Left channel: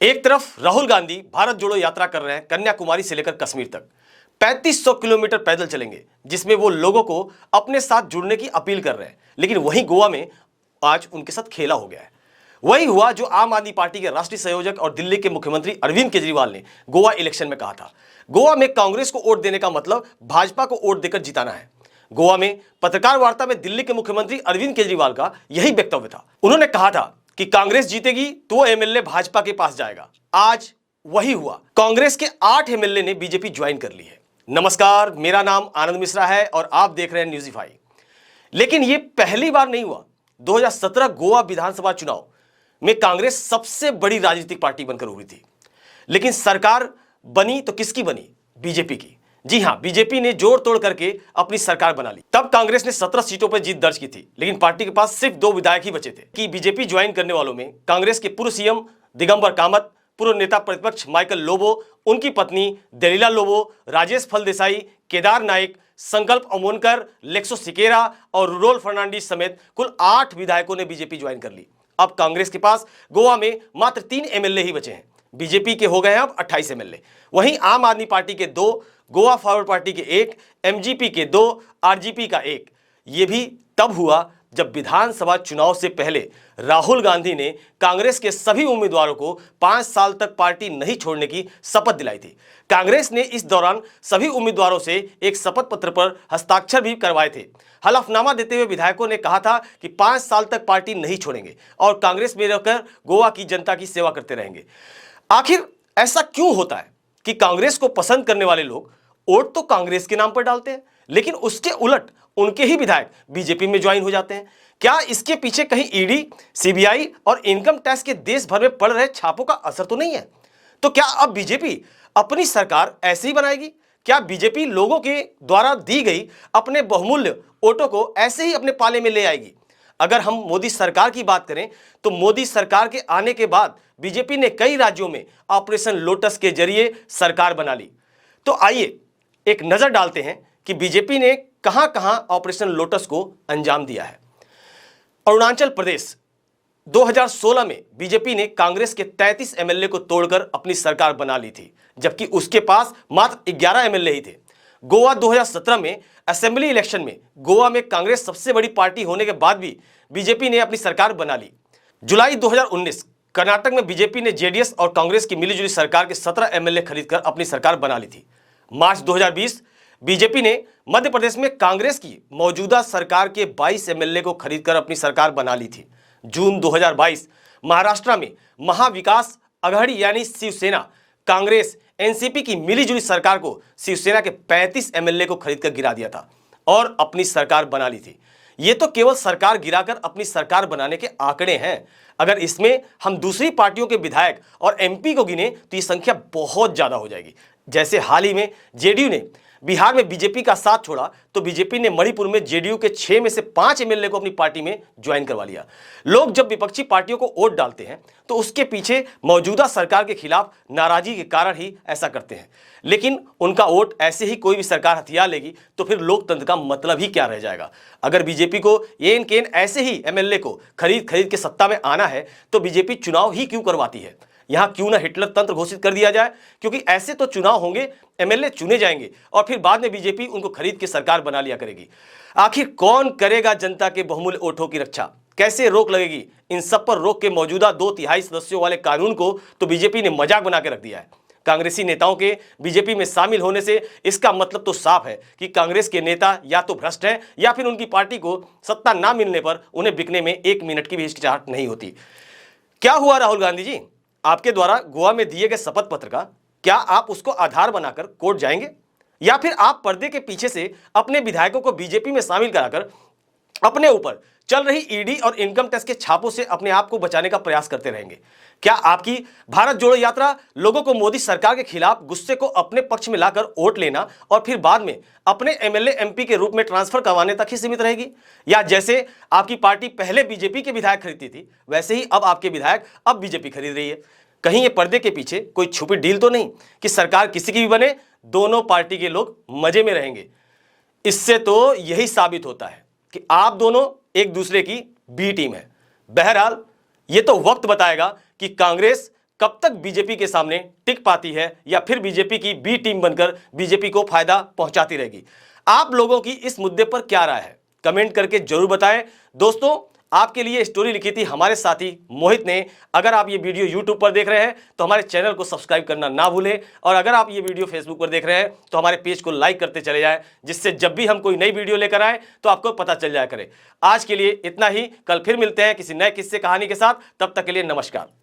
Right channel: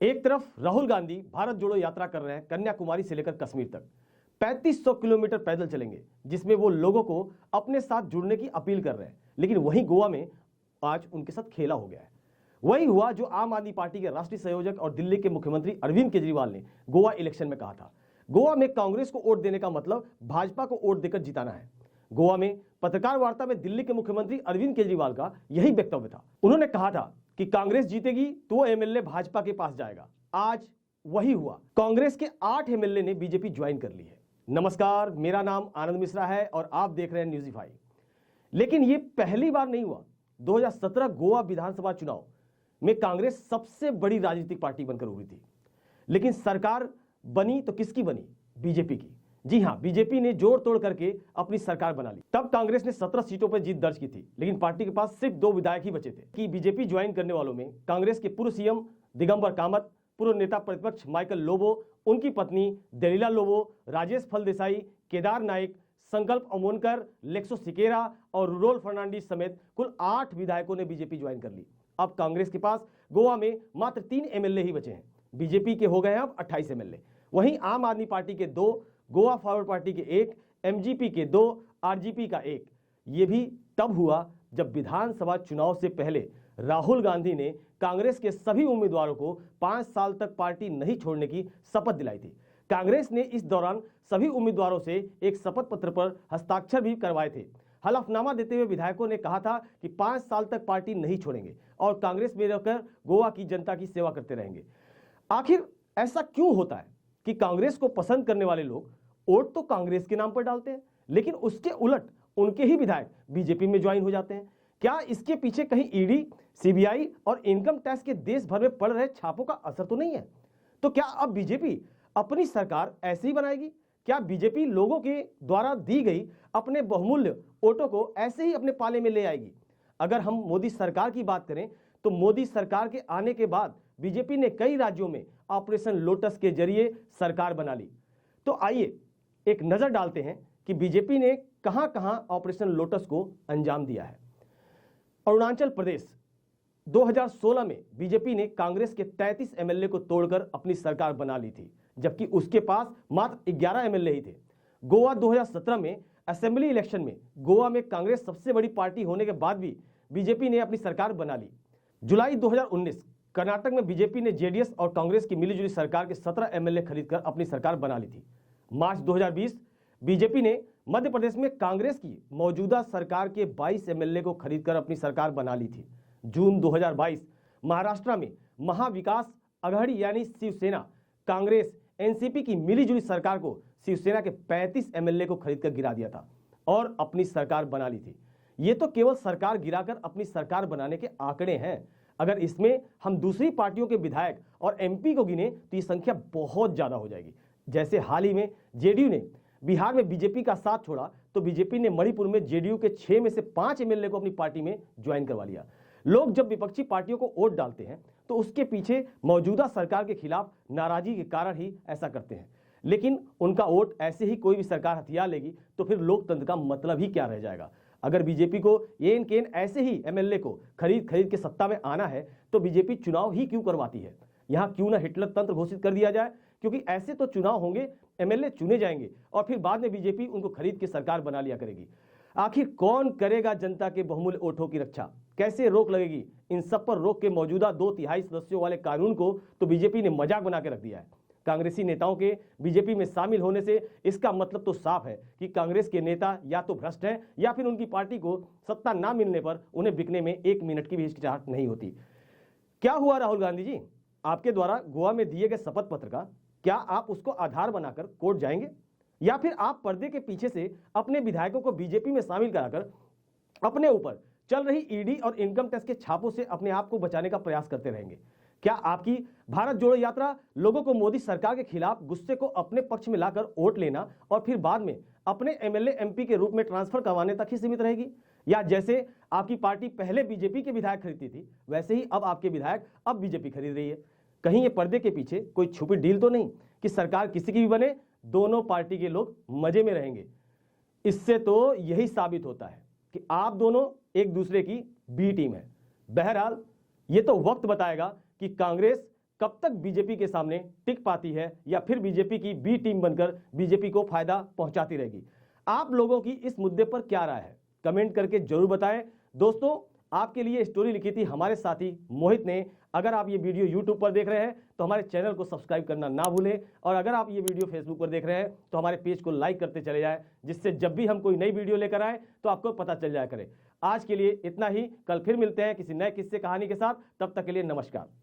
एक तरफ राहुल गांधी भारत जोड़ो यात्रा कर रहे हैं, कन्याकुमारी से लेकर कश्मीर तक 3500 किलोमीटर पैदल चलेंगे, जिसमें वो लोगों को अपने साथ जुड़ने की अपील कर रहे हैं। लेकिन वहीं गोवा में आज उनके साथ खेला हो गया है। वही हुआ जो आम आदमी पार्टी के राष्ट्रीय संयोजक और दिल्ली के मुख्यमंत्री अरविंद केजरीवाल ने गोवा इलेक्शन में कहा था। गोवा में कांग्रेस को वोट देने का मतलब भाजपा को वोट देकर जिताना है। गोवा में पत्रकार वार्ता में दिल्ली के मुख्यमंत्री अरविंद केजरीवाल का यही वक्तव्य था। उन्होंने कहा था कि कांग्रेस जीतेगी तो एमएलए भाजपा के पास जाएगा। आज वही हुआ। कांग्रेस के 8 एमएलए ने बीजेपी ज्वाइन कर ली है। नमस्कार, मेरा नाम आनंद मिश्रा है और आप देख रहे हैं न्यूज़ीफाई। लेकिन यह पहली बार नहीं हुआ। 2017 गोवा विधानसभा चुनाव में कांग्रेस सबसे बड़ी राजनीतिक पार्टी बनकर उभरी थी, लेकिन सरकार बनी तो किसकी बनी? बीजेपी की। जी हां, बीजेपी ने जोड़ तोड़ करके अपनी सरकार बना ली। तब कांग्रेस ने 17 सीटों पर जीत दर्ज की थी, लेकिन पार्टी के पास सिर्फ 2 विधायक ही बचे थे। कि बीजेपी ज्वाइन करने वालों में कांग्रेस के पूर्व सीएम दिगंबर कामत, पूर्व नेता प्रतिपक्ष माइकल लोबो, उनकी पत्नी दलीला लोबो, राजेश फलदेसाई, केदार नाइक, संकल्प अमोनकर, लेक्सो सिकेरा और रुडोल फर्नांडिस समेत कुल 8 विधायकों ने बीजेपी ज्वाइन कर ली। अब कांग्रेस के पास गोवा में मात्र 3 एमएलए ही बचे हैं। बीजेपी के हो गए हैं अब 28 एमएलए। वहीं आम आदमी पार्टी के 2, गोवा फॉरवर्ड पार्टी के 1, एमजीपी के 2, आरजीपी का 1। यह भी तब हुआ जब विधानसभा चुनाव से पहले राहुल गांधी ने कांग्रेस के सभी उम्मीदवारों को 5 साल तक पार्टी नहीं छोड़ने की शपथ दिलाई थी। कांग्रेस ने इस दौरान सभी उम्मीदवारों से एक शपथ पत्र पर हस्ताक्षर भी करवाए थे। हलफनामा देते हुए विधायकों ने कहा था कि 5 साल तक पार्टी नहीं छोड़ेंगे और कांग्रेस में रहकर गोवा की जनता की सेवा करते रहेंगे। आखिर ऐसा क्यों होता है कि कांग्रेस को पसंद करने वाले लोग वोट तो कांग्रेस के नाम पर डालते हैं, लेकिन उसके उलट उनके ही विधायक बीजेपी में ज्वाइन हो जाते हैं? क्या इसके पीछे कहीं ईडी, सीबीआई और इनकम टैक्स के देश भर में पड़ रहे छापों का असर तो नहीं है? तो क्या अब बीजेपी अपनी सरकार ऐसे ही बनाएगी? क्या बीजेपी लोगों के द्वारा दी गई अपने बहुमूल्य वोटों को ऐसे ही अपने पाले में ले आएगी? अगर हम मोदी सरकार की बात करें तो मोदी सरकार के आने के बाद बीजेपी ने कई राज्यों में ऑपरेशन लोटस के जरिए सरकार बना ली। तो आइए एक नजर डालते हैं कि बीजेपी ने कहां कहां ऑपरेशन लोटस को अंजाम दिया है। अरुणाचल प्रदेश 2016 में बीजेपी ने कांग्रेस के 33 एमएलए को तोड़कर अपनी सरकार बना ली थी, जबकि उसके पास मात्र 11 एमएलए ही थे। गोवा 2017 में असेंबली इलेक्शन में गोवा में कांग्रेस सबसे बड़ी पार्टी होने के बाद भी बीजेपी ने अपनी सरकार बना ली। जुलाई 2019 कर्नाटक में बीजेपी ने जेडीएस और कांग्रेस की मिलीजुली सरकार के 17 एमएलए खरीदकर अपनी सरकार बना ली थी। मार्च 2020 बीजेपी ने मध्य प्रदेश में कांग्रेस की मौजूदा सरकार के 22 एमएलए को खरीदकर अपनी सरकार बना ली थी। जून 2022 महाराष्ट्र में महाविकास अघाड़ी यानी शिवसेना, कांग्रेस, एनसीपी की मिलीजुली सरकार को शिवसेना के 35 एमएलए को खरीदकर गिरा दिया था और अपनी सरकार बना ली थी। ये तो केवल सरकार गिराकर अपनी सरकार बनाने के आंकड़े हैं। अगर इसमें हम दूसरी पार्टियों के विधायक और एमपी को गिने तो ये संख्या बहुत ज्यादा हो जाएगी। जैसे हाल ही में जेडीयू ने बिहार में बीजेपी का साथ छोड़ा तो बीजेपी ने मणिपुर में जेडीयू के 6 में से 5 एमएलए को अपनी पार्टी में ज्वाइन करवा लिया। लोग जब विपक्षी पार्टियों को वोट डालते हैं तो उसके पीछे मौजूदा सरकार के खिलाफ नाराजगी के कारण ही ऐसा करते हैं, लेकिन उनका वोट ऐसे ही कोई भी सरकार हथियार लेगी तो फिर लोकतंत्र का मतलब ही क्या रह जाएगा? अगर बीजेपी को येन केन ऐसे ही एमएलए को खरीद के सत्ता में आना है तो बीजेपी चुनाव ही क्यों करवाती है? यहां क्यों ना हिटलर तंत्र घोषित कर दिया जाए, क्योंकि ऐसे तो चुनाव होंगे, एमएलए चुने जाएंगे और फिर बाद में बीजेपी उनको खरीद के सरकार बना लिया करेगी। आखिर कौन करेगा जनता के बहुमूल्य वोटों की रक्षा? कैसे रोक लगेगी? इन सब पर रोक के मौजूदा 2/3 सदस्यों वाले कानून को तो बीजेपी ने मजाक बना के रख दिया है। कांग्रेसी नेताओं के बीजेपी में शामिल होने से इसका मतलब तो साफ है कि कांग्रेस के नेता या तो भ्रष्ट हैं या फिर उनकी पार्टी को सत्ता ना मिलने पर उन्हें बिकने में 1 मिनट की भी हिचकिचाहट नहीं होती। क्या हुआ राहुल गांधी जी? आपके द्वारा गोवा में दिए गए शपथ पत्र का क्या आप उसको आधार बनाकर कोर्ट जाएंगे, या फिर आप पर्दे के पीछे से अपने विधायकों को बीजेपी में शामिल कराकर अपने ऊपर चल रही ईडी और इनकम टैक्स के छापों से अपने आप को बचाने का प्रयास करते रहेंगे? क्या आपकी भारत जोड़ो यात्रा लोगों को मोदी सरकार के खिलाफ गुस्से को अपने पक्ष में लाकर वोट लेना और फिर बाद में अपने एमएलए एमपी के रूप में ट्रांसफर करवाने तक ही सीमित रहेगी? या जैसे आपकी पार्टी पहले बीजेपी के विधायक खरीदती थी वैसे ही अब आपके विधायक अब बीजेपी खरीद रही है? कहीं ये पर्दे के पीछे कोई छुपी डील तो नहीं कि सरकार किसी की भी बने, दोनों पार्टी के लोग मजे में रहेंगे? इससे तो यही साबित होता है कि आप दोनों एक दूसरे की बी टीम है। बहरहाल ये तो वक्त बताएगा कि कांग्रेस कब तक बीजेपी के सामने टिक पाती है या फिर बीजेपी की बी टीम बनकर बीजेपी को फायदा पहुंचाती रहेगी। आप लोगों की इस मुद्दे पर क्या राय है, कमेंट करके जरूर बताएं। दोस्तों, आपके लिए स्टोरी लिखी थी हमारे साथी मोहित ने। अगर आप ये वीडियो YouTube पर देख रहे हैं तो हमारे चैनल को सब्सक्राइब करना ना भूलें, और अगर आप ये वीडियो Facebook पर देख रहे हैं तो हमारे पेज को लाइक करते चले जाएं, जिससे जब भी हम कोई नई वीडियो लेकर आए तो आपको पता चल जाया करे। आज के लिए इतना ही, कल फिर मिलते हैं किसी नए किस्से कहानी के साथ। तब तक के लिए नमस्कार।